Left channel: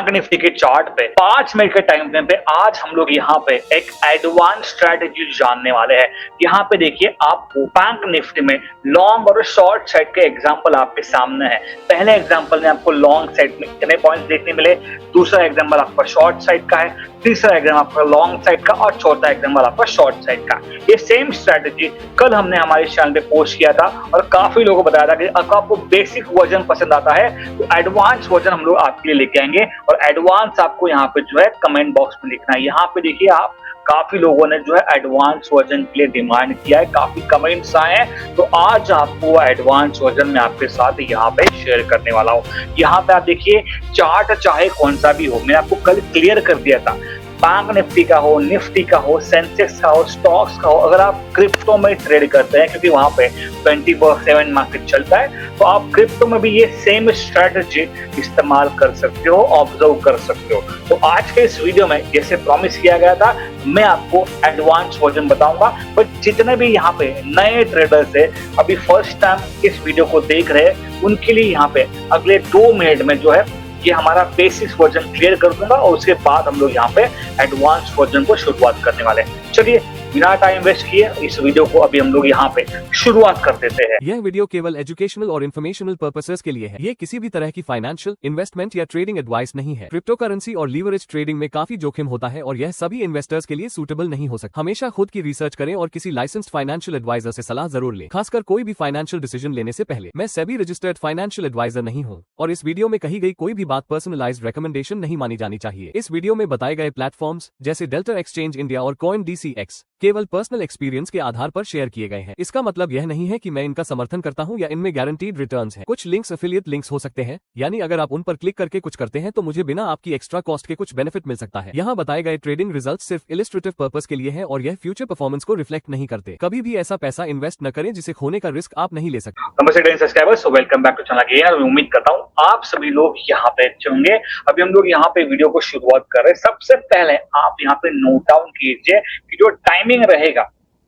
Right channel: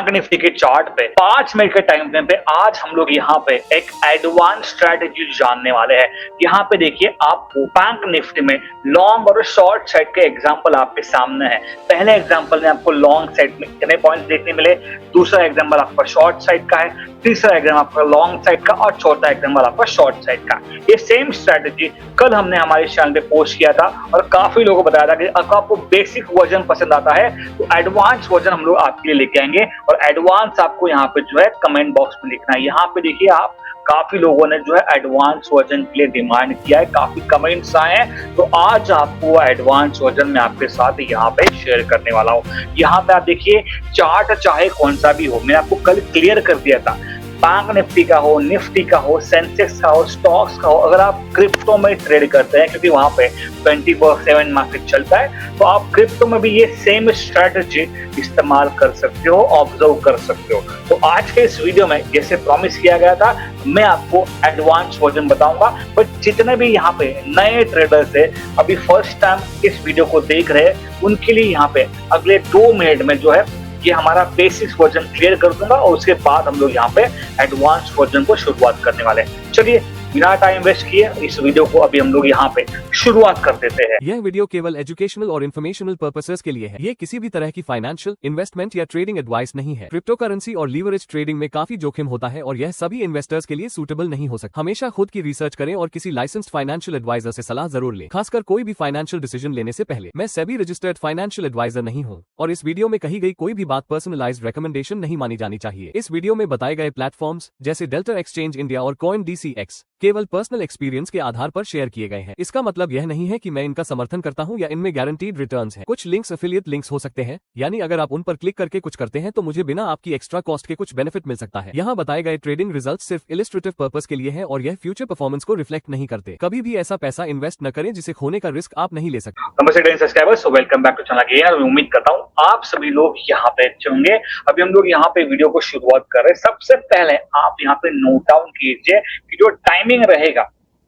Bank Nifty के chart पे 5 minute के टाइम फ्रेम पे आज हम लोग यहाँ पे एक एडवांस स्ट्रेटेजी जानने वाले हैं। यहाँ पे देखिए आपको बैंक निफ्टी में लॉन्ग और शॉर्ट साइड के एग्जांपल आपके सामने है। पहले एग्जांपल में आपको लॉन्ग साइड में कितने पॉइंट्स देखने मिले, दूसरा एग्जांपल आपका शॉर्ट साइड का है, तीसरा एग्जाम्पल आपका लॉन्ग साइड का और चौथा एग्जाम्पल आपका शॉर्ट साइड का। ये सेम स्ट्रेटेजी कल हमने हमारे चैनल पे पोस्ट किया था और काफी लोगों को बताया था कि अगर आपको बेसिक वर्जन पसंद आता है तो एडवांस वर्जन हम लोग आपके लिए लेके आएंगे और एडवांस आपको यहाँ पे जो है कमेंट बॉक्स में लिखना है। यहाँ पे देखिए आप काफी लोगों ने जो है एडवांस वर्जन के लिए डिमांड किया है, काफी कमेंट्स आए हैं, तो आज आपको एडवांस वर्जन में आपके साथ यहाँ पे शेयर करने वाला हूँ। यहाँ पे आप देखिए चार्ट चाहे कौन सा भी हो, मैंने आपको कल क्लियर कर दिया था, बैंक निफ्टी का हो, निफ्टी का हो, सेंसेक्स का हो, स्टॉक्स का हो, अगर आप क्रिप्टो में ट्रेड करते हैं क्योंकि वहां पे 24/7 मार्केट चलता है, तो आप क्रिप्टो में भी ये सेम स्ट्रेटजी इस्तेमाल कर सकते हो, ऑब्जर्व कर सकते हो। तो आज के इस वीडियो में जैसे प्रॉमिस किया गया था, मैं आपको एडवांस वर्जन बताऊंगा, बट जितने भी यहाँ पे नए ट्रेडर्स है अभी फर्स्ट टाइम इस वीडियो को देख रहे हैं, उनके लिए यहाँ पे अगले 2 मिनट में जो है ये हमारा बेसिक वर्जन क्लियर कर दूंगा और उसके बाद हम लोग यहाँ पे एडवांस वर्जन को शुरुआत करने वाले हैं। चलिए बिना टाइम वेस्ट किए इस वीडियो को अभी हम लोग यहाँ पे शुरुआत कर देते हैं। यह वीडियो केवल एजुकेशनल और इन्फॉर्मेशनल पर्पसेस के लिए है। ये किसी भी तरह की फाइनेंशियल, इन्वेस्टमेंट या ट्रेडिंग एडवाइस नहीं है। क्रिप्टो करेंसी और लीवरेज ट्रेडिंग में काफी जोखिम होता है और यह सभी इन्वेस्टर्स के लिए सूटेबल नहीं हो सकता। हमेशा खुद की रिसर्च करें और किसी लाइसेंस्ड फाइनेंशियल एडवाइजर से सलाह जरूर लें, खासकर कोई भी फाइनेंशियल डिसीजन लेने से पहले। मैं सेबी रजिस्टर्ड फाइनेंशियल एडवाइजर नहीं हूँ और इस वीडियो में कही गई कोई भी बात पर्सनलाइज्ड रिकमेंडेशन नहीं मानी जानी चाहिए। इस वीडियो में बताए गए प्लेटफॉर्म्स जैसे डेल्टा एक्सचेंज इंडिया और कॉइन DCX केवल पर्सनल एक्सपीरियंस के आधार पर शेयर किए गए हैं। इसका मतलब यह नहीं है कि मैं इनका समर्थन करता हूं या इनमें गारंटीड रिटर्न्स हैं। कुछ लिंक्स एफिलिएट लिंक्स हो सकते हैं, यानी अगर आप उन पर क्लिक करके कुछ करते हैं तो मुझे बिना आपकी एक्स्ट्रा कॉस्ट के कुछ बेनिफिट मिल सकता है। यहाँ बताए गए ट्रेडिंग रिजल्ट सिर्फ इलिस्ट्रेटिव पर्पस के लिए है और यह फ्यूचर परफॉर्मेंस को रिफ्लेक्ट नहीं करते। कभी भी ऐसा पैसा इन्वेस्ट न करें जिसे खोने का रिस्क आप नहीं ले सकते। नमस्ते subscribers, welcome back to channel again. और उम्मीद करता हूँ आप सभी लोग यहाँ पे अच्छे होंगे। अभी हम लोग यहाँ पे वीडियो को शुरुआत कर रहे हैं। सबसे पहले आप यहाँ पे नोट डाउन कीजिए कि जो टाइमिंग रहेगा,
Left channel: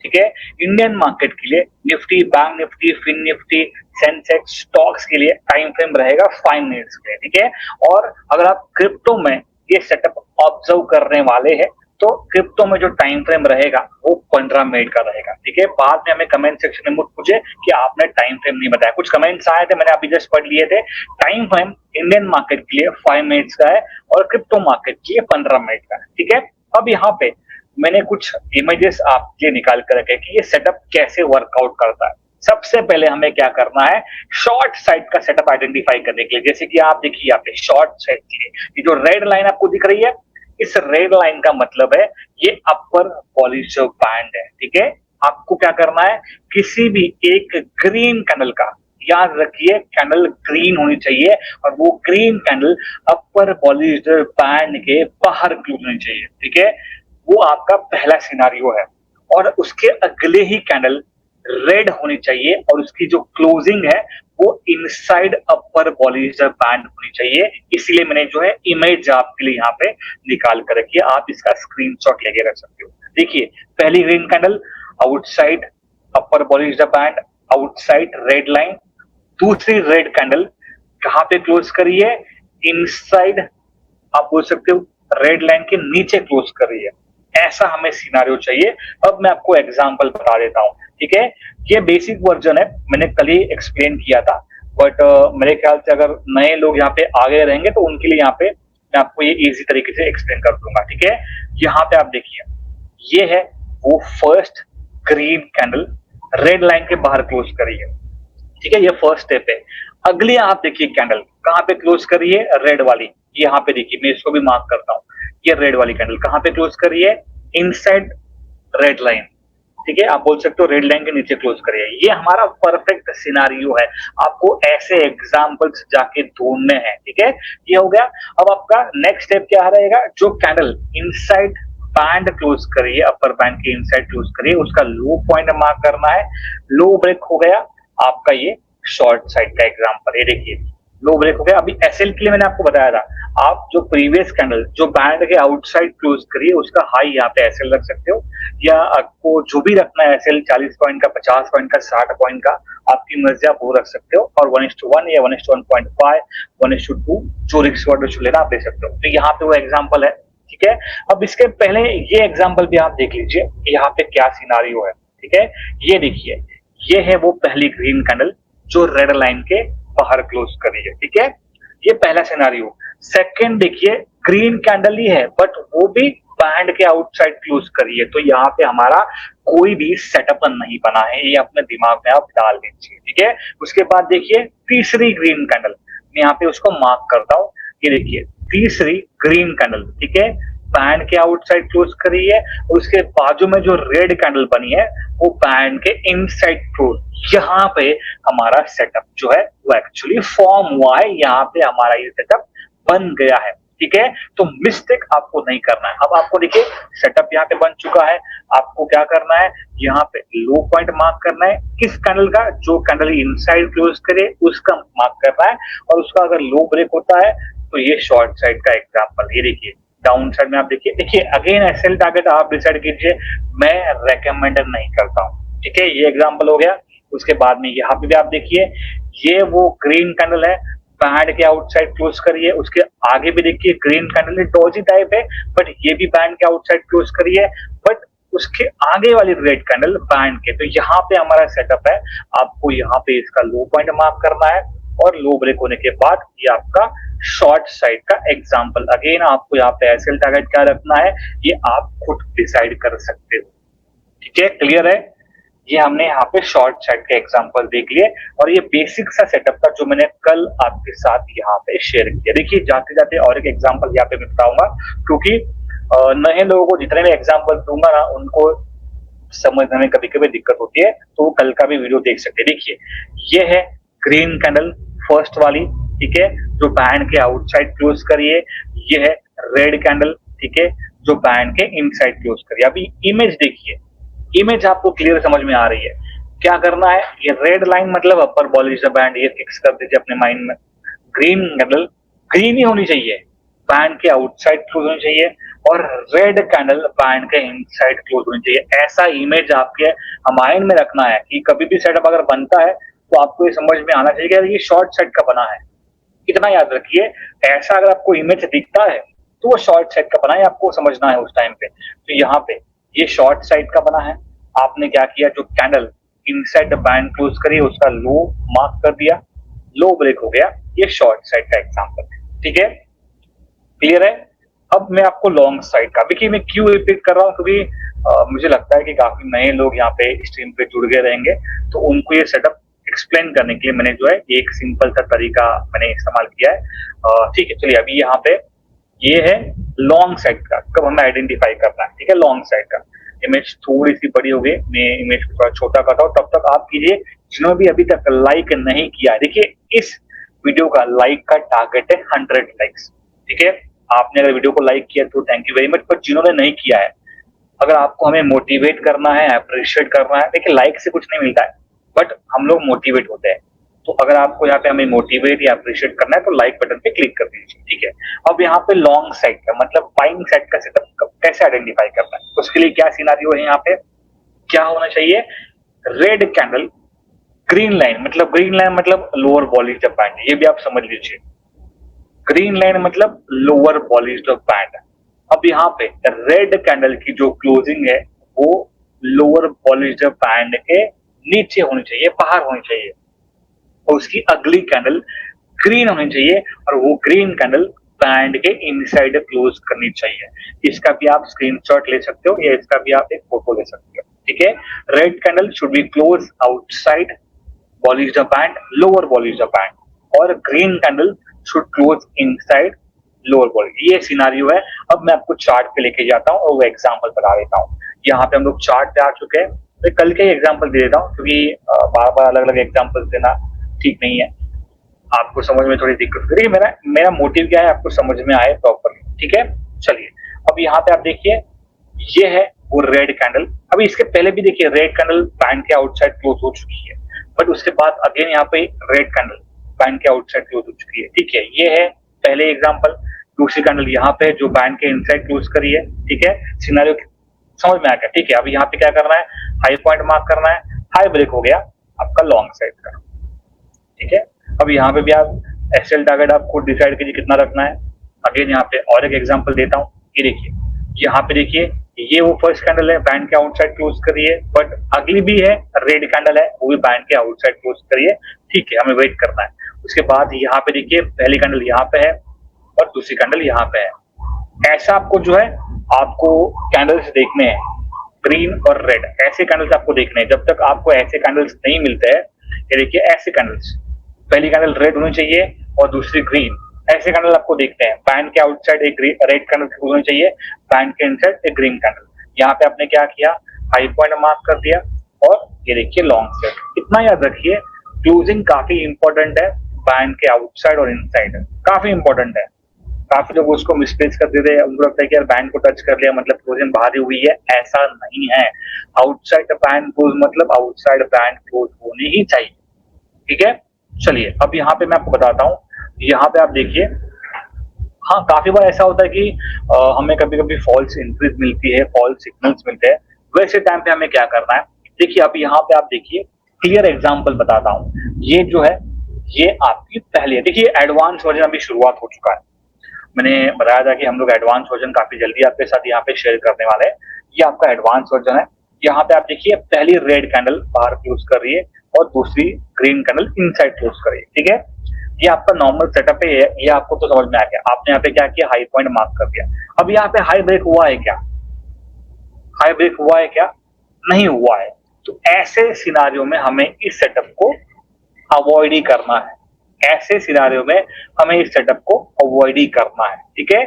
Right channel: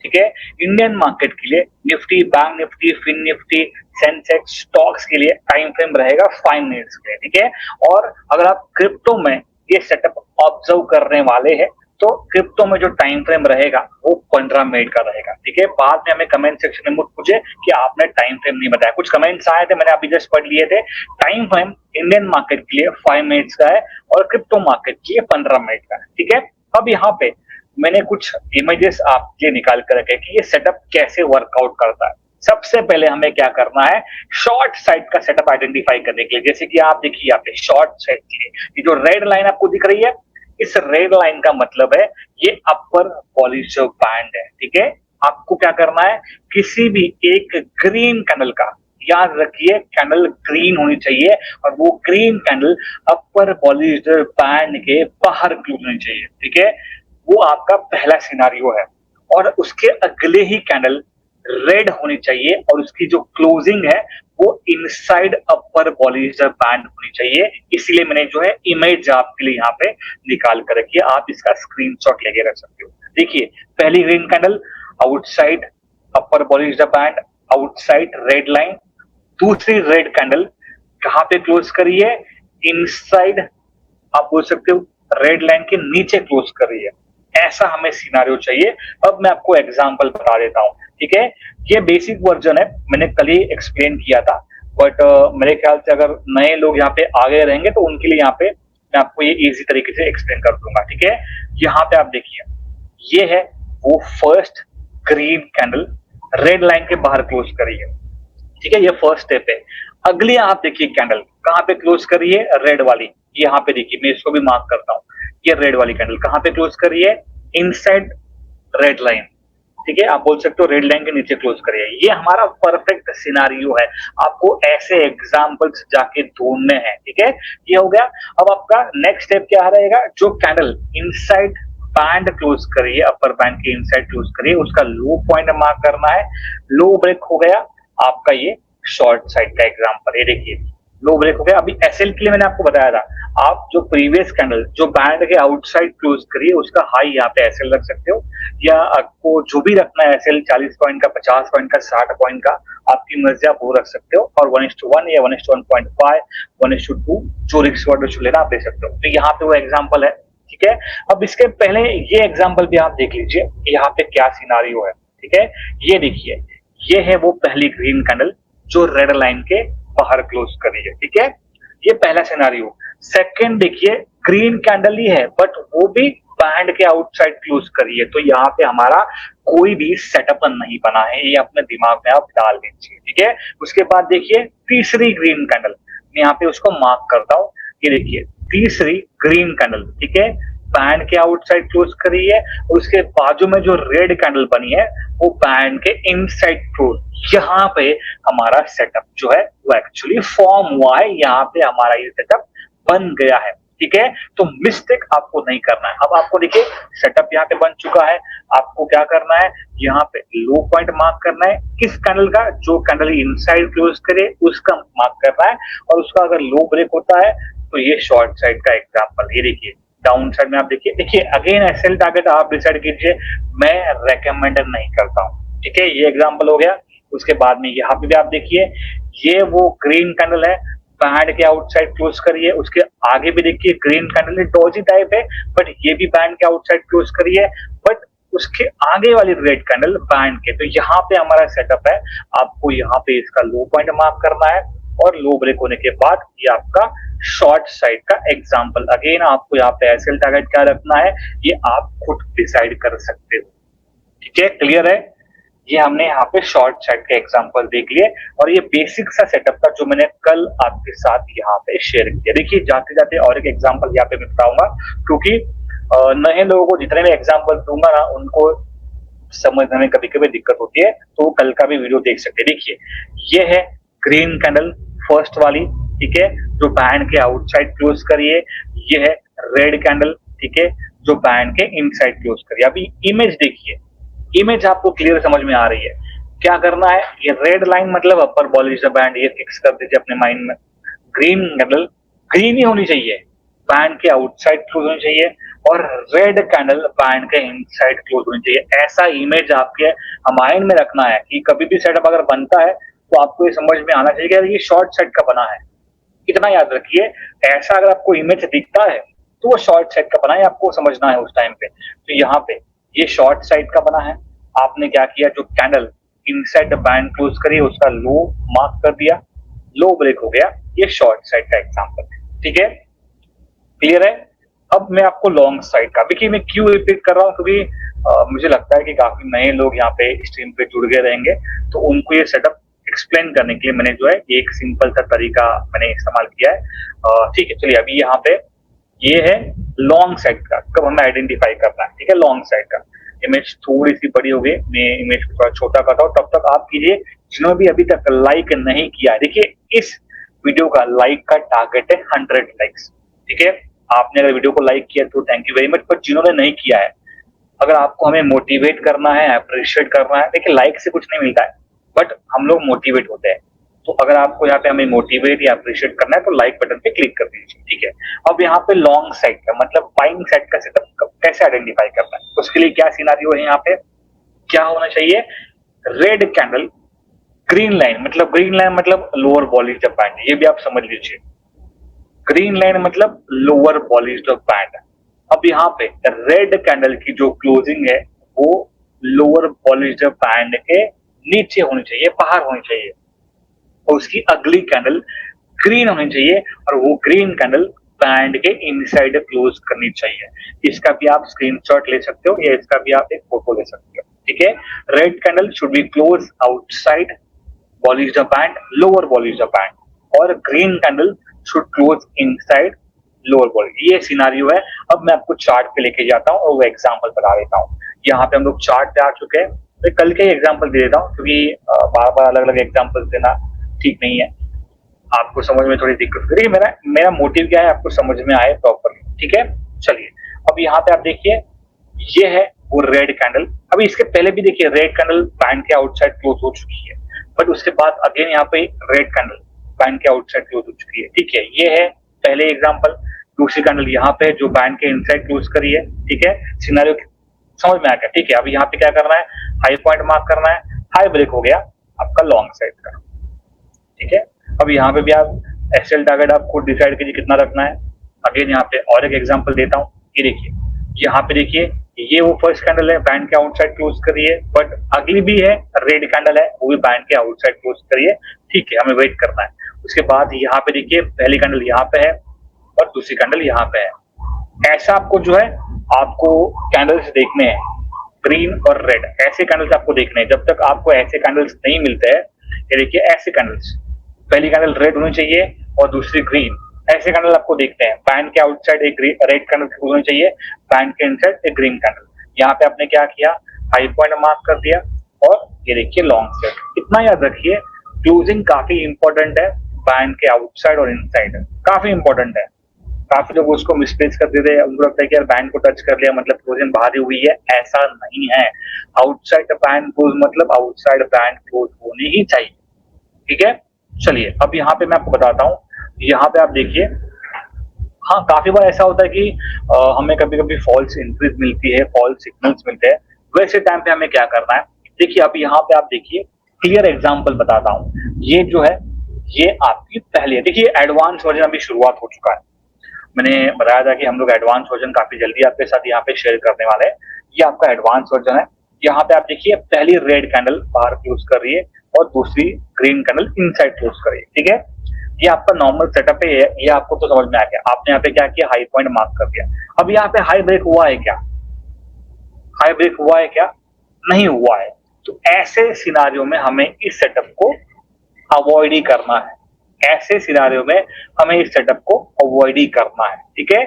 ठीक है, इंडियन मार्केट के लिए Nifty, bank Nifty, fin Nifty, Sensex, stocks के लिए टाइम फ्रेम रहेगा 5 मिनट्स के लिए, ठीक है। और अगर आप क्रिप्टो में ये सेटअप ऑब्जर्व करने वाले हैं तो क्रिप्टो में जो टाइम फ्रेम रहेगा वो 15 मिनट का रहेगा, ठीक है। बाद में हमें कमेंट सेक्शन में मुझे पूछे कि आपने टाइम फ्रेम नहीं बताया, कुछ कमेंट्स आए थे, मैंने अभी जस्ट पढ़ लिए थे। टाइम फ्रेम इंडियन मार्केट के लिए 5 मिनट्स का है और क्रिप्टो मार्केट के लिए 15 मिनट का है, ठीक है। अब यहाँ पे मैंने कुछ इमेजेस आपके निकाल कर रखे कि ये सेटअप कैसे वर्कआउट करता है। सबसे पहले हमें क्या करना है, शॉर्ट साइड का सेटअप आइडेंटिफाई करने के लिए। जैसे कि आप देखिए यहाँ पे शॉर्ट साइड के लिए ये जो रेड लाइन आपको दिख रही है, इस रेड लाइन का मतलब है ये अपर बॉलिश बैंड है, ठीक है। आपको क्या करना है, किसी भी एक ग्रीन कैंडल का, याद रखिए कैंडल ग्रीन होनी चाहिए और वो ग्रीन कैंडल अपर बॉलिश बैंड के बाहर क्लोज होनी चाहिए, ठीक है। वो आपका पहला सिनारियो है। और उसके अगले ही कैंडल रेड होनी चाहिए और उसकी जो क्लोजिंग है वो इनसाइड अपर बॉलिश बैंड होनी चाहिए। इसीलिए मैंने जो है इमेज आपके लिए यहाँ पे निकाल कर रखी है, आप इसका स्क्रीनशॉट लेके रख सकते हो। देखिए पहली green candle outside upper Bollinger band, outside red line. दूसरी रेड कैंडल कहाँ पे क्लोज करी है, इनसाइड, आप बोल सकते हो रेड लाइन के नीचे क्लोज कर रही है। ऐसा हमें सिनारियो चाहिए। अब मैं आपको एग्जांपल बता देता हूं, ठीक है। ये बेसिक वर्जन है, मैंने कल ही एक्सप्लेन किया था, बट मेरे ख्याल से अगर नए लोग यहाँ पे आगे रहेंगे तो उनके लिए यहाँ पे मैं आपको ये इजी तरीके से एक्सप्लेन कर दूंगा, ठीक है। यहाँ पे आप देखिए ये है वो first green candle red line के बाहर क्लोज करी है, ठीक है। ये फर्स्ट स्टेप है। अगली आप देखिए कैंडल कहाँ पे क्लोज करी है, रेड वाली। यहाँ पे देखिए मैं इसको मैं मार्क करता हूँ, ये रेड वाली कैंडल कहाँ पे क्लोज करी है, इनसाइड रेड लाइन, ठीक है। आप बोल सकते हो रेड लाइन के नीचे क्लोज करिए। ये हमारा परफेक्ट सिनारियो है। आपको ऐसे एग्जांपल्स जाके ढूंढने हैं, ठीक है। ये हो गया। अब आपका नेक्स्ट स्टेप क्या रहेगा, जो कैंडल इनसाइड बैंड क्लोज करिए, अपर बैंड के इनसाइड क्लोज करिए, उसका लो पॉइंट मार्क करना है। लो ब्रेक हो गया आपका ये शॉर्ट साइड का एग्जांपल, ये देखिए लो ब्रेक हो गया। अभी एसएल के लिए मैंने आपको बताया था, आप जो प्रीवियस कैंडल जो बैंड के आउटसाइड क्लोज करिए उसका हाई यहाँ पे एसएल रख सकते हो, या आपको जो भी रखना है एसएल 40 पॉइंट का, 50 पॉइंट का, 60 पॉइंट का, आपकी मर्जी, आप वो रख सकते हो। और 1:1 या 1:1.5, 1:2 जो रिस्क वाला लेना आप ले सकते हो। तो यहाँ पे वो एग्जाम्पल है, ठीक है। अब इसके पहले ये एग्जाम्पल भी आप देख लीजिए, यहाँ पे क्या सिनारियो है, ठीक है। ये देखिए, ये है वो पहली ग्रीन कैंडल जो रेड लाइन के बाहर क्लोज कर रही है, ठीक है। ये पहला सिनारियो। सेकंड देखिए, ग्रीन कैंडल ही है बट वो भी बैंड के आउटसाइड क्लोज कर रही है, तो यहाँ पे हमारा कोई भी सेटअप नहीं बना है, ये अपने दिमाग में आप डाल दीजिए, ठीक है। उसके बाद देखिए तीसरी ग्रीन कैंडल, मैं यहाँ पे उसको मार्क करता हूँ। ये देखिए तीसरी ग्रीन कैंडल, ठीक है, बैंड के आउटसाइड क्लोज कर रही है, और उसके बाजू में जो रेड कैंडल बनी है वो बैंड के इनसाइड क्लोज। यहाँ पे हमारा सेटअप जो है वो एक्चुअली फॉर्म हुआ है, यहाँ पे हमारा ये सेटअप बन गया है, ठीक है। तो मिस्टेक आपको नहीं करना है। अब आपको देखिए सेटअप यहाँ पे बन चुका है, आपको क्या करना है, यहाँ पे लो पॉइंट मार्क करना है, किस कैंडल का, जो कैंडल इनसाइड क्लोज करे उसका मार्क करना है, और उसका अगर लो ब्रेक होता है तो ये शॉर्ट साइड का एग्जाम्पल। ये देखिए डाउन साइड में आप देखिए अगेन एसएल टारगेट आप डिसाइड कीजिए, मैं रेकमेंड नहीं करता हूँ, ठीक है। ये एग्जाम्पल हो गया। उसके बाद में यहाँ पे भी आप देखिए, ये वो ग्रीन कैंडल है, बैंड के आउटसाइड क्लोज करिए, उसके आगे भी देखिए ग्रीन कैंडल है, डॉजी टाइप है बट ये भी बैंड के आउटसाइड क्लोज करिए, बट उसके आगे वाली रेड कैंडल बैंड के। तो यहाँ पे हमारा सेटअप है, आपको यहाँ पे इसका लो पॉइंट मार्क करना है, और लो ब्रेक होने के बाद ये आपका शॉर्ट साइड का एग्जाम्पल। अगेन आपको यहाँ पे एसएल टारगेट क्या रखना है ये आप खुद डिसाइड कर सकते हो, ठीक है। क्लियर है। ये हमने यहाँ पे शॉर्ट साइड के एग्जांपल देख लिए, और ये बेसिक सा सेटअप था जो मैंने कल आपके साथ यहाँ पे शेयर किया। देखिए जाते जाते और एक एग्जांपल यहाँ पे मैं बताऊंगा, क्योंकि नए लोगों को जितने भी एग्जांपल दूंगा ना उनको समझने में कभी कभी दिक्कत होती है, तो कल का भी वीडियो देख सकते हैं। देखिए ये है ग्रीन कैंडल फर्स्ट वाली, ठीक है, जो बैंड के आउटसाइड क्लोज करिए। ये है रेड कैंडल, ठीक है, जो बैंड के इनसाइड क्लोज करिए। अभी इमेज देखिए, इमेज आपको क्लियर समझ में आ रही है। क्या करना है, ये रेड लाइन मतलब अपर बॉल इज द बैंड, ये फिक्स कर दीजिए अपने माइंड में। ग्रीन कैंडल ग्रीन ही होनी चाहिए, बैंड के आउटसाइड क्लोज होनी चाहिए, और रेड कैंडल बैंड के इनसाइड क्लोज होनी चाहिए। ऐसा इमेज आपके माइंड में रखना है कि कभी भी सेटअप अगर बनता है तो आपको ये समझ में आना चाहिए कि ये शॉर्ट साइड का बना है। इतना याद रखिए, ऐसा अगर आपको इमेज दिखता है तो वो शॉर्ट साइड का बना है, आपको समझना है उस टाइम पे। तो यहाँ पे ये शॉर्ट साइड का बना है, आपने क्या किया, जो candle inside the band close करी उसका लो मार्क कर दिया, लो ब्रेक हो गया, ये शॉर्ट साइड का एग्जांपल है, ठीक है। क्लियर है। अब मैं आपको लॉन्ग साइड का, देखिए मैं क्यों रिपीट कर रहा हूँ, क्योंकि मुझे लगता है कि काफी नए लोग यहाँ पे स्ट्रीम पे जुड़ गए रहेंगे, तो उनको ये सेटअप एक्सप्लेन करने के लिए मैंने जो है एक सिंपल सा तरीका मैंने इस्तेमाल किया है, ठीक है। चलिए अभी यहाँ पे ये है लॉन्ग साइड का, कब हमें आइडेंटिफाई करना है, ठीक है। लॉन्ग साइड का इमेज थोड़ी सी बड़ी हो गई, मैं इमेज को थोड़ा छोटा करता हूँ, तब तक आप कीजिए। जिन्होंने भी अभी तक लाइक नहीं किया, देखिए इस वीडियो का लाइक का टारगेट है 100 लाइक्स, ठीक है। आपने अगर वीडियो को लाइक किया तो थैंक यू वेरी मच, पर जिन्होंने नहीं किया है, अगर आपको हमें मोटिवेट करना है, अप्रिशिएट करना है, देखिए लाइक से कुछ नहीं मिलता है बट हम लोग मोटिवेट होते हैं। तो अगर आपको यहाँ पे हमें मोटिवेट या अप्रिशिएट करना है तो लाइक बटन पे क्लिक कर दीजिए, ठीक है। अब यहाँ पे लॉन्ग साइड का मतलब बाइंग साइड का सेटअप कैसे आइडेंटिफाई करना है, तो उसके लिए क्या सिनारियो है, यहाँ पे क्या होना चाहिए, रेड कैंडल ग्रीन लाइन मतलब लोअर बॉलीज ऑफ बैंड, ये भी आप समझ लीजिए। ग्रीन लाइन मतलब लोअर बॉलीज ऑफ बैंड। अब यहाँ पे रेड कैंडल की जो क्लोजिंग है वो लोअर बॉलीज ऑफ बैंड के नीचे होनी चाहिए, बाहर होनी चाहिए, और उसकी अगली कैंडल ग्रीन होनी चाहिए, और वो ग्रीन कैंडल बैंड के इनसाइड क्लोज करनी चाहिए। इसका भी आप स्क्रीनशॉट ले सकते हो या इसका भी आप एक फोटो ले सकते हो, ठीक है। Red candle should be close outside Bollinger of band, lower Bollinger of band, और green candle should close inside lower बॉली। ये सिनारियो है। अब मैं आपको चार्ट पे लेके जाता हूँ और वो एग्जाम्पल बता देता हूँ। यहाँ पे हम लोग चार्ट पे आ चुके हैं, तो कल के एग्जाम्पल दे देता हूँ, क्योंकि बार बार अलग अलग एग्जाम्पल देना ठीक नहीं है, आपको समझ में थोड़ी दिक्कत होगी। मेरा मोटिव क्या है, आपको समझ में आए प्रॉपरली, ठीक है। चलिए अब यहाँ पे आप देखिए, ये है वो रेड कैंडल। अभी इसके पहले भी देखिए रेड कैंडल बैंड के आउटसाइड क्लोज हो चुकी है, बट उसके बाद अगेन यहाँ पे रेड कैंडल बैंड के आउटसाइड क्लोज हो चुकी है। ठीक है, ये है पहले एग्जांपल। दूसरी कैंडल यहाँ पे जो बैंड के इनसाइड क्लोज करी है। ठीक है, सिनेरियो समझ में आ गया। ठीक है, अब यहाँ पे क्या करना है, हाई पॉइंट मार्क करना है, हाई ब्रेक हो गया आपका लॉन्ग साइड का। ठीक है, अब यहाँ पे भी आप एक्सेल टारगेट आपको डिसाइड कीजिए कितना रखना है। अगेन यहाँ पे और एक एग्जांपल देता हूँ। ये देखिए, यहाँ पे देखिए, ये फर्स्ट कैंडल है, बैंड के आउटसाइड क्लोज करी है, बट अगली भी है रेड कैंडल है, वो भी बैंड के आउटसाइड क्लोज करी है। ठीक है, हमें वेट करना है। उसके बाद यहाँ पे देखिए, पहली कैंडल यहाँ पे है और दूसरी कैंडल यहाँ पे है। ऐसा आपको जो है आपको कैंडल्स देखने हैं, ग्रीन और रेड, ऐसे कैंडल्स आपको देखने हैं। जब तक आपको ऐसे कैंडल्स नहीं मिलते हैं, ये देखिए ऐसे कैंडल्स, पहली कैंडल रेड होनी चाहिए और दूसरी ग्रीन, ऐसे कैंडल आपको देखते हैं। बैंड के आउटसाइड एक रेड कैंडल होनी चाहिए, बैंड के इनसाइड एक ग्रीन कैंडल। यहाँ पे आपने क्या किया, हाई पॉइंट मार्क कर दिया और ये देखिए लॉन्ग साइड। इतना याद रखिए, क्लोजिंग काफी इंपॉर्टेंट है, बैंड के आउटसाइड और इनसाइड काफी इंपॉर्टेंट है। काफी लोग उसको मिसप्लेस कर देते हैं, उनको लगता है कि यार बैंड को टच कर लिया मतलब क्लोजिंग बाहर ही हुई है। ऐसा नहीं है, आउटसाइड बैंड क्लोज मतलब आउटसाइड बैंड क्लोज होने ही चाहिए। ठीक है, चलिए अब यहाँ पे मैं आपको बताता हूँ। यहाँ पे आप देखिए, हाँ काफी बार ऐसा होता है कि हमें कभी कभी फॉल्स इंट्रीज मिलती है, फॉल्स सिग्नल्स मिलते हैं। वैसे टाइम पे हमें क्या करना है, देखिए अब यहाँ पे आप देखिए, क्लियर एग्जांपल बताता हूँ। ये जो है ये आपकी पहली है, देखिए एडवांस वर्जन अभी शुरुआत हो चुका है। मैंने बताया था कि हम लोग एडवांस वर्जन काफी जल्दी आपके साथ यहाँ पे शेयर करने वाले हैं। ये आपका एडवांस वर्जन है। यहाँ पे आप देखिए, पहली रेड कैंडल बाहर क्लोज कर रही है और दूसरी ग्रीन कैंडल इनसाइड क्लोज कर रही है। ठीक है, ये आपका नॉर्मल सेटअप है, ये आपको तो समझ में आ गया। आपने यहाँ पे क्या किया, हाई पॉइंट मार्क कर दिया। अब यहाँ पे हाई ब्रेक हुआ है क्या, हाई ब्रेक हुआ है क्या, नहीं हुआ है। तो ऐसे सिनारियों में हमें इस सेटअप को अवॉइड ही करना है। ऐसे सिनारियों में हमें इस सेटअप को अवॉइड ही करना है। ठीक है,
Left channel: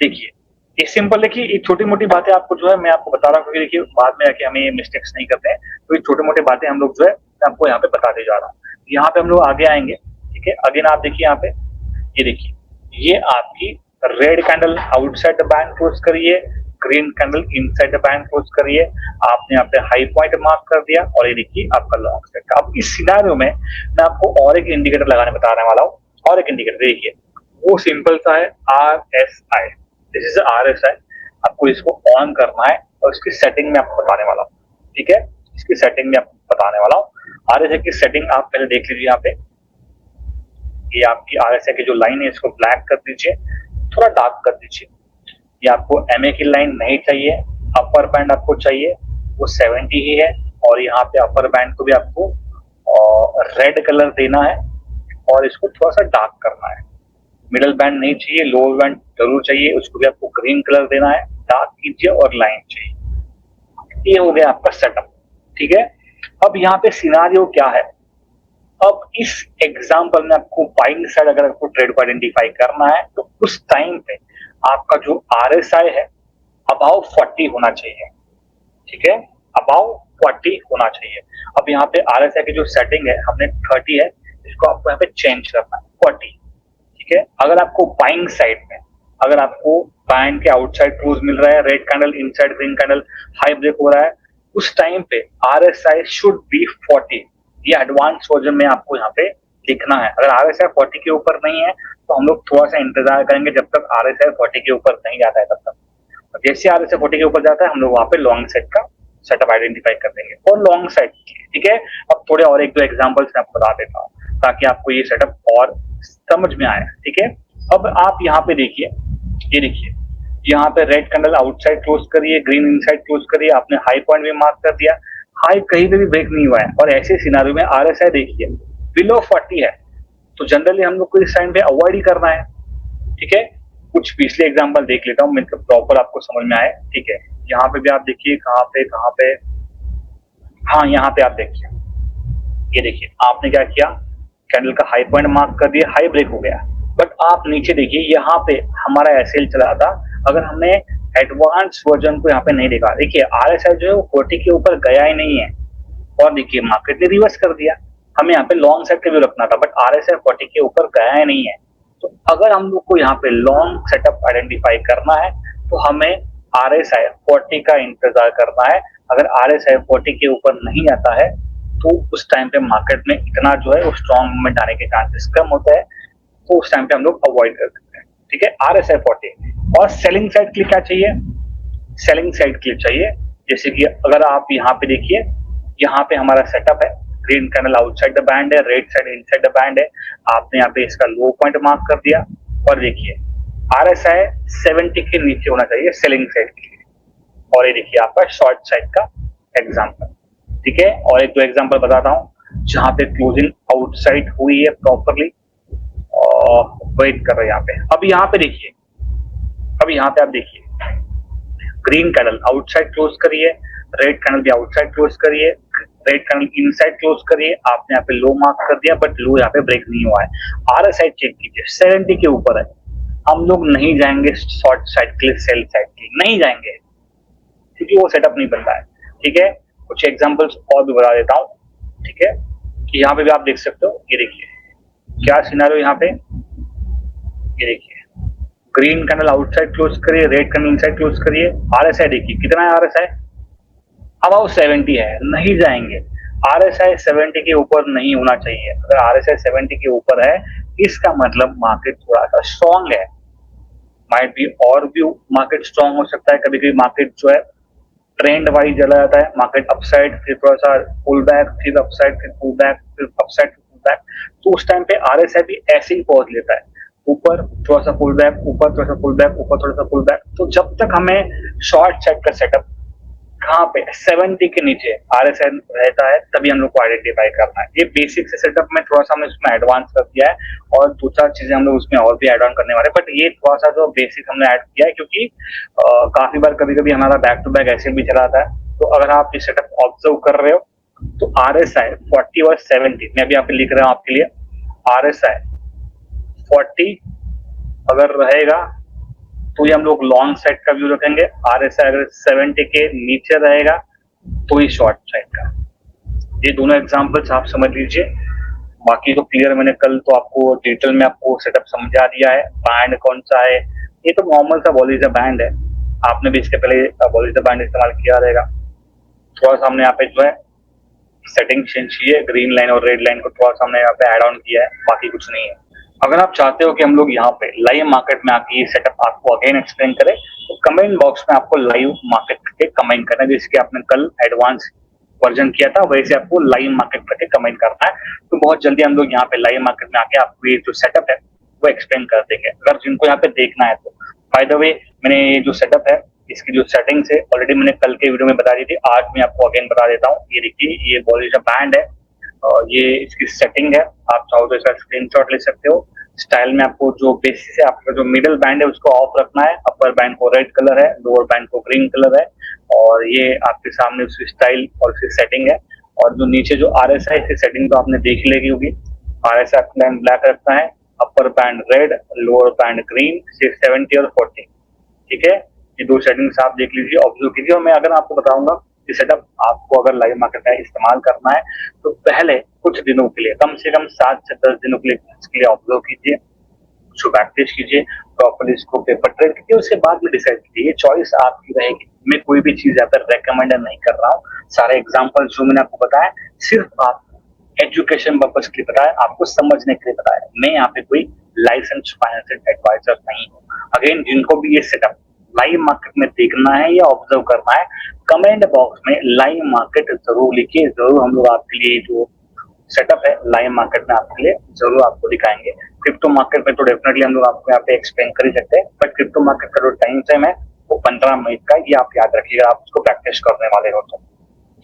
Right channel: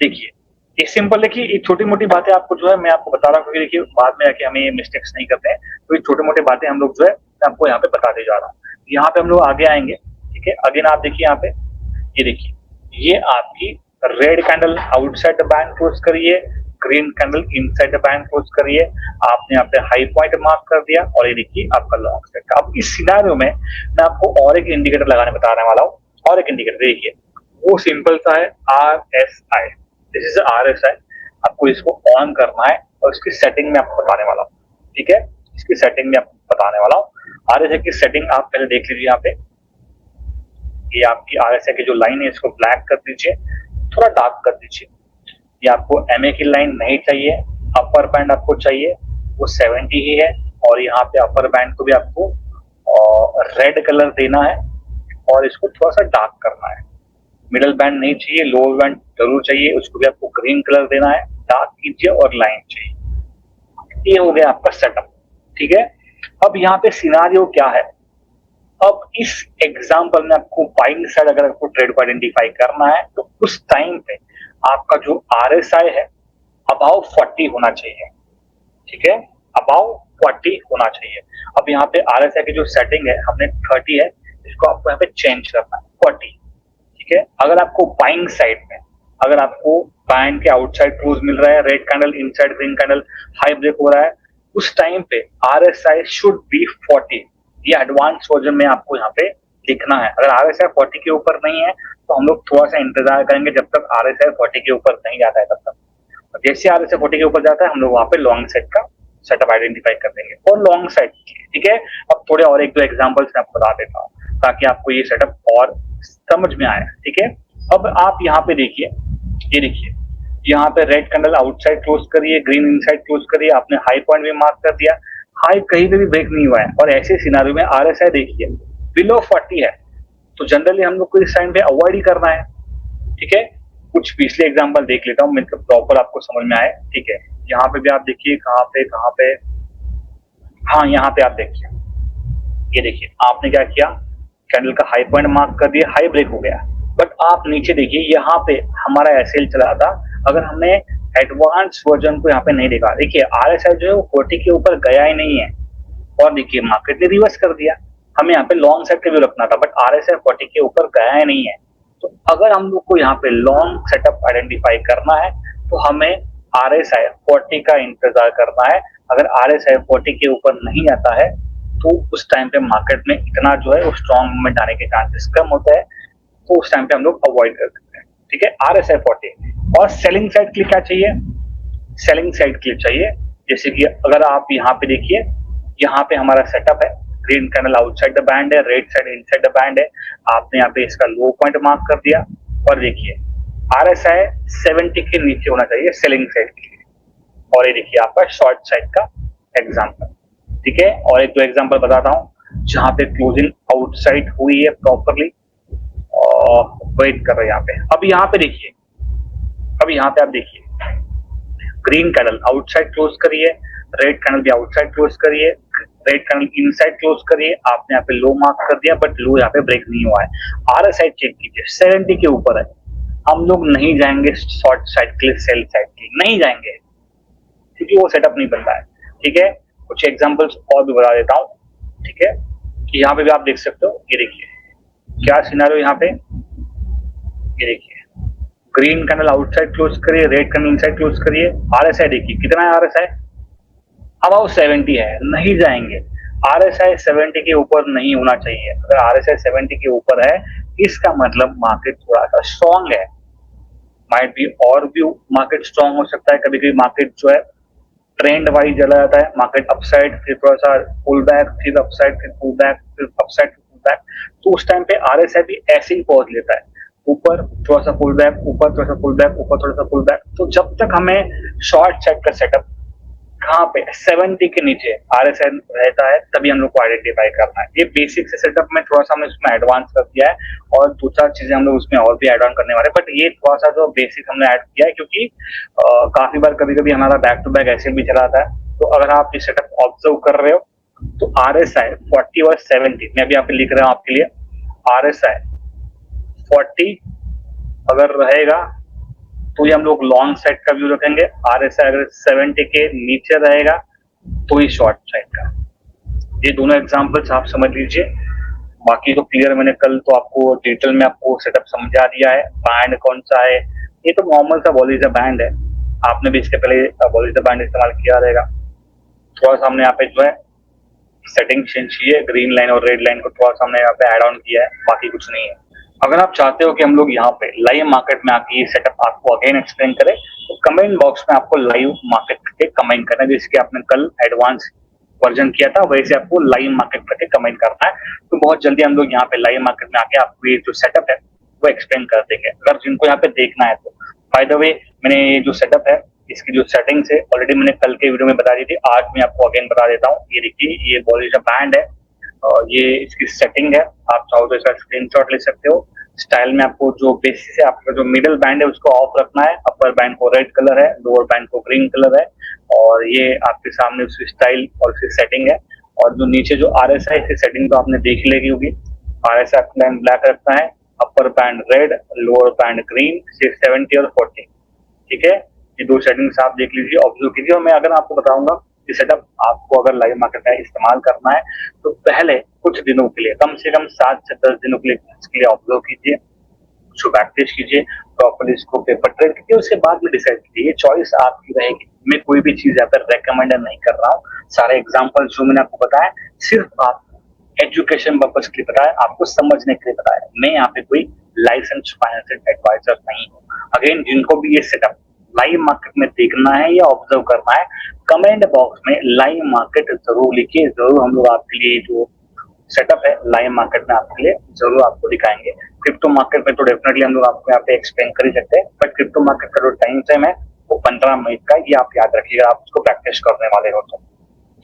देखिए ये सिंपल है कि ये छोटी मोटी बातें आपको जो है मैं आपको बता रहा हूँ, क्योंकि देखिए बाद में आके हमें ये मिस्टेक्स नहीं करते हैं। तो ये छोटी मोटी बातें हम लोग जो है मैं आपको यहाँ पे बताते जा रहा हूँ। यहाँ पे हम लोग आगे आएंगे। ठीक है, अगेन आप देखिए यहाँ पे, ये देखिए, ये आपकी red candle outside the band close करिए, green candle inside the band close करिए। आपने यहाँ पे हाई पॉइंट मार्क कर दिया और ये देखिए आपका लॉन्ग साइड। अब इस सिनेरियो में मैं आपको और एक इंडिकेटर लगाने बताने वाला हूँ। और एक इंडिकेटर देखिए, वो सिंपल सा है, RSI। This is RSI। आपको इसको ऑन करना है और इसकी सेटिंग में आपको बताने वाला हूँ। ठीक है, इसकी सेटिंग में आपको बताने वाला हूँ। RSI की सेटिंग आप पहले देख लीजिए। यहाँ पे ये आपकी RSI की जो लाइन है इसको ब्लैक कर दीजिए, थोड़ा डार्क कर दीजिए। ये आपको MA की लाइन नहीं चाहिए, अपर बैंड आपको चाहिए वो 70 ही है। और यहाँ पे अपर बैंड को भी आपको रेड कलर देना है और इसको थोड़ा सा डार्क करना है। मिडल बैंड नहीं चाहिए, लोअर बैंड जरूर चाहिए, उसको भी आपको ग्रीन कलर देना है। डार्क कीजिए और लाइन चाहिए। ये हो गया आपका सेटअप। ठीक है, अब यहाँ पे सिनारियो क्या है, अब इस एग्जाम्पल में आपको बाइंग साइड अगर आपको ट्रेड को आइडेंटिफाई करना है तो उस टाइम पे आपका जो RSI है अबाउ 40 होना चाहिए। ठीक है, अबाउ 40 होना चाहिए। अब यहाँ पे RSI की जो सेटिंग है हमने 30 है, इसको आपको यहाँ पे चेंज करना है 40। ठीक है, अगर आपको बाइंग साइड में, अगर आपको बैंड के आउटसाइड क्लोज मिल रहा है, red candle inside green candle high break हो रहा है, उस टाइम पे RSI शुड बी 40। ये एडवांस वर्जन में आपको यहाँ पे लिखना है। अगर RSI 40 के ऊपर नहीं है तो हम लोग थोड़ा सा इंतजार करेंगे जब तक RSI 40 के ऊपर नहीं जाता है तब तक। जैसे RSI 40 के ऊपर जाता है हम लोग वहाँ पे लॉन्ग साइड का सेटअप आइडेंटिफाई कर देंगे और लॉन्ग साइड। ठीक है, अब थोड़े और एक दो एग्जांपल्स मैं आपको बता देता हूँ ताकि आपको ये सेटअप और समझ में आए। ठीक है, अब आप यहाँ पे देखिए, ये देखिए यहाँ पे रेड कैंडल आउटसाइड क्लोज करिए, ग्रीन इनसाइड क्लोज करिए। आपने हाई पॉइंट भी मार्क कर दिया, हाई कहीं पे भी ब्रेक नहीं हुआ है और ऐसे सिनारियो में RSI देखिए बिलो 40 है, तो जनरली हम लोग को इस टाइम पे अवॉइड ही करना है। ठीक है, कुछ पिछले एग्जांपल देख लेता हूँ मतलब प्रॉपर आपको समझ में आए। ठीक है, यहाँ पे भी आप देखिए कहाँ पे, हाँ यहाँ पे आप देखिए, ये देखिए आपने क्या किया, कैंडल का हाई पॉइंट मार्क कर दिया, हाई ब्रेक हो गया। बट आप नीचे देखिए, यहाँ पे हमारा SL चला था। अगर हमने एडवांस वर्जन को यहाँ पे नहीं देखा, देखिए RSI जो है वो 40 के ऊपर गया ही नहीं है और देखिए मार्केट ने रिवर्स कर दिया। हमें यहाँ पे लॉन्ग साइड के भी रखना था बट RSI 40 के ऊपर गया ही नहीं है। तो अगर हम लोग को यहाँ पे लॉन्ग सेटअप आइडेंटिफाई करना है तो हमें RSI 40 का इंतजार करना है। अगर RSI 40 के ऊपर नहीं आता है तो उस टाइम पे मार्केट में इतना जो है स्ट्रॉन्ग मूवमेंट आने के चांसेस कम होते हैं, तो उस टाइम पे हम लोग अवॉइड कर सकते हैं। ठीक है, RSI 40। और सेलिंग साइड के लिए क्या चाहिए? सेलिंग साइड के लिए चाहिए जैसे कि अगर आप यहाँ पे देखिए, यहाँ पे हमारा सेटअप है, green candle outside the band है, red side inside the band है। आपने यहाँ पे इसका लो पॉइंट मार्क कर दिया और देखिए RSI 70 के नीचे होना चाहिए सेलिंग साइड के लिए। और ये देखिए आपका शॉर्ट साइड का एग्जांपल। ठीक है, और एक तो एग्जांपल बताता हूँ जहां पे क्लोजिंग आउटसाइड हुई है प्रॉपरली, वेट कर रहे हैं यहाँ पे। अब यहाँ पे देखिए, अब यहाँ पे आप देखिए ग्रीन कैंडल आउटसाइड क्लोज करिए, रेड कैंडल भी आउटसाइड क्लोज करिए, रेड कैंडल इनसाइड क्लोज करिए। आपने यहाँ पे लो मार्क कर दिया बट लो यहाँ पे ब्रेक नहीं हुआ है। RSI चेक कीजिए 70 के ऊपर है। हम लोग नहीं जाएंगे शॉर्ट साइड के लिए, सेल साइड के लिए नहीं जाएंगे क्योंकि वो सेटअप नहीं बनता है। ठीक है, कुछ एग्जांपल्स और भी बता देता हूँ। ठीक है, कि यहाँ पे भी आप देख सकते हो, ये देखिए क्या सिनेरियो यहाँ पे, ये देखिए ग्रीन कैंडल आउटसाइड क्लोज करिए, रेड कैंडल इनसाइड क्लोज करिए। RSI देखिए कितना है RSI, अबाउट 70 है, नहीं जाएंगे। RSI 70 के ऊपर नहीं होना चाहिए। अगर RSI 70 के ऊपर है इसका मतलब मार्केट थोड़ा सा स्ट्रॉन्ग है। माइट बी और भी मार्केट स्ट्रॉन्ग हो सकता है, कभी कभी मार्केट जो है ट्रेंड वाइज चला जाता है, मार्केट अपसाइड फिर थोड़ा सा पुल बैक, फिर अपसाइड फिर पुल बैक, फिर अपसाइड पुल बैक। तो उस टाइम पे RSI भी ऐसे ही पहुंच लेता है, ऊपर थोड़ा सा पुल बैक, ऊपर थोड़ा सा पुल बैक, ऊपर थोड़ा सा पुल बैक। तो जब तक हमें शॉर्ट साइड का सेटअप कहाँ पे 70 के नीचे RSI रहता है तभी हम लोग को आइडेंटिफाई करना है। ये बेसिक से सेटअप में थोड़ा सा हमने उसमें एडवांस कर दिया है और दो चार चीजें हम लोग उसमें और भी एड ऑन करने वाले हैं, बट ये थोड़ा सा जो बेसिक हमने ऐड किया है क्योंकि काफी बार कभी कभी हमारा बैक टू बैक ऐसे भी चला आता है। तो अगर आप ये सेटअप ऑब्जर्व कर रहे हो तो RSI 40 और 70 मैं भी यहाँ पे लिख रहा हूँ आपके लिए। RSI 40 अगर रहेगा तो ये हम लोग लॉन्ग साइड का व्यू रखेंगे। RSI अगर 70 के नीचे रहेगा तो ये शॉर्ट साइड का। ये दोनों एग्जांपल्स आप समझ लीजिए, बाकी तो क्लियर मैंने कल तो आपको डिटेल में आपको सेटअप समझा दिया है। बैंड कौन सा है, ये तो नॉर्मल सा बॉलीजर बैंड है, आपने भी इसके पहले बॉलीजर बैंड इस्तेमाल किया रहेगा। थोड़ा सा हमने यहाँ पे जो है सेटिंग चेंज की है, ग्रीन लाइन और रेड लाइन को थोड़ा सा हमने यहाँ पे एड ऑन किया है, बाकी कुछ नहीं है। अगर आप चाहते हो कि हम लोग यहाँ पे लाइव मार्केट में आके ये सेटअप आपको अगेन एक्सप्लेन करें तो कमेंट बॉक्स में आपको लाइव मार्केट करके कमेंट करना है, जैसे कि आपने कल एडवांस वर्जन किया था वैसे आपको लाइव मार्केट करके कमेंट करना। तो बहुत जल्दी हम लोग यहाँ पे लाइव मार्केट में आके आपको ये जो सेटअप है वो एक्सप्लेन कर देंगे, अगर जिनको यहाँ पे देखना है तो। बाय द वे मैंने ये जो सेटअप है इसकी जो सेटिंग्स है ऑलरेडी मैंने कल के वीडियो में बता दी थी, आज मैं आपको अगेन बता देता हूँ। ये देखिए ये बॉलीजर बैंड है और ये इसकी सेटिंग है, आप चाहो तो इसका स्क्रीनशॉट ले सकते हो। स्टाइल में आपको जो बेसिस है आपका जो मिडिल बैंड है उसको ऑफ रखना है, अपर बैंड को रेड कलर है, लोअर बैंड को ग्रीन कलर है और ये आपके सामने उसकी स्टाइल और उसकी सेटिंग है। और जो नीचे जो RSI की सेटिंग तो आपने देख ली होगी, RSI बैंड ब्लैक रखना है, upper band red, lower band green, 70 और 40। ठीक है, ये दो सेटिंग्स आप देख लीजिए, ऑब्जर्व कीजिए। और मैं अगर आपको बताऊंगा कि सेटअप आपको अगर लाइव मार्केट में इस्तेमाल करना है तो पहले कुछ दिनों के लिए कम से कम 7 से 10 दिनों के लिए इसके लिए ऑब्जर्व कीजिए, उसको प्रैक्टिस कीजिए, प्रॉपर्ली इसको पेपर ट्रेड कीजिए, उसके बाद में डिसाइड कीजिए। ये चॉइस आपकी रहेगी, मैं कोई भी चीज अगर रेकमेंड नहीं कर रहा हूँ। सारे एग्जाम्पल जो मैंने आपको बताए सिर्फ आप एजुकेशन पर्पज के लिए बताया, आपको समझने के लिए बताया। मैं यहाँ पे कोई लाइसेंस फाइनेंशियल एडवाइजर नहीं हूँ। अगेन जिनको भी ये सेटअप लाइव मार्केट में देखना है या ऑब्जर्व करना है कमेंट बॉक्स में लाइव मार्केट जरूर लिखिए, जरूर हम लोग आपके लिए जो सेटअप है लाइव मार्केट में आपके लिए जरूर आपको दिखाएंगे। क्रिप्टो मार्केट में तो डेफिनेटली हम लोग आपको यहाँ पे एक्सप्लेन कर ही सकते हैं, बट क्रिप्टो मार्केट का जो टाइम फ्रेम है वो 15 मिनट का, ये आप याद रखिएगा, आप उसको प्रैक्टिस करने वाले हो तो।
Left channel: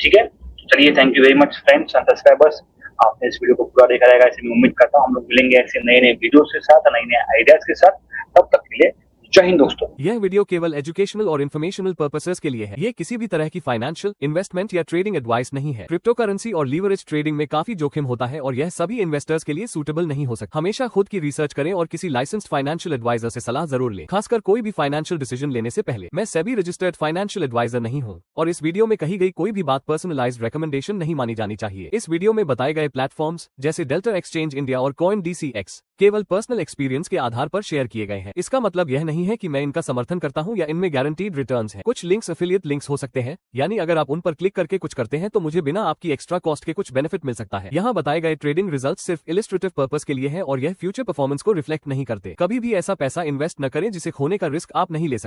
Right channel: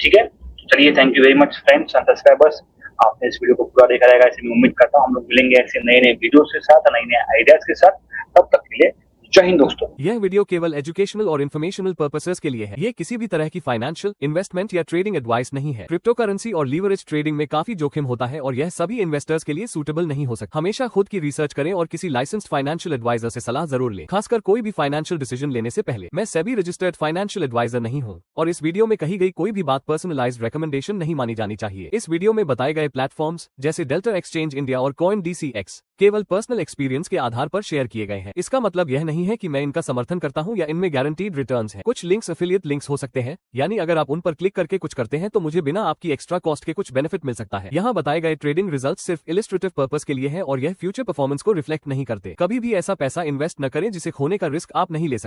ठीक है, चलिए thank you very much friends and subscribers, आपने इस वीडियो को पूरा देखा रहेगा ऐसे मैं उम्मीद करता हूँ। हम लोग मिलेंगे ऐसे नए नए वीडियोस के साथ, नए नए आइडियाज के साथ, तब तक के लिए जय हिंद दोस्तों। यह वीडियो केवल एजुकेशनल और इन्फॉर्मेशनल पर्पसेस के लिए है। ये किसी भी तरह की फाइनेंशियल, इन्वेस्टमेंट या ट्रेडिंग एडवाइस नहीं है। क्रिप्टो करेंसी और लीवरेज ट्रेडिंग में काफी जोखिम होता है और यह सभी इन्वेस्टर्स के लिए सूटेबल नहीं हो सकता। हमेशा खुद की रिसर्च करें और किसी लाइसेंस्ड फाइनेंशियल एडवाइजर से सलाह जरूर लें, खासकर कोई भी फाइनेंशियल डिसीजन लेने से पहले। मैं सेबी रजिस्टर्ड फाइनेंशियल एडवाइजर नहीं हूँ और इस वीडियो में कही गई कोई भी बात पर्सनलाइज्ड रिकमेंडेशन नहीं मानी जानी चाहिए। इस वीडियो में बताए गए प्लेटफॉर्म्स जैसे डेल्टा एक्सचेंज इंडिया और CoinDCX केवल पर्सनल एक्सपीरियंस के आधार पर शेयर किए गए हैं। इसका मतलब यह नहीं है कि मैं इनका समर्थन करता हूं या इनमें गारंटीड रिटर्न्स हैं। कुछ लिंक्स एफिलिएट लिंक्स हो सकते हैं, यानी अगर आप उन पर क्लिक करके कुछ करते हैं तो मुझे बिना आपकी एक्स्ट्रा कॉस्ट के कुछ बेनिफिट मिल सकता है। यहाँ बताए गए ट्रेडिंग रिजल्ट सिर्फ इलिस्ट्रेटिव पर्पस के लिए है और यह फ्यूचर परफॉर्मेंस को रिफ्लेक्ट नहीं करते। कभी भी ऐसा पैसा इन्वेस्ट न करें जिसे खोने का रिस्क आप नहीं ले सकते।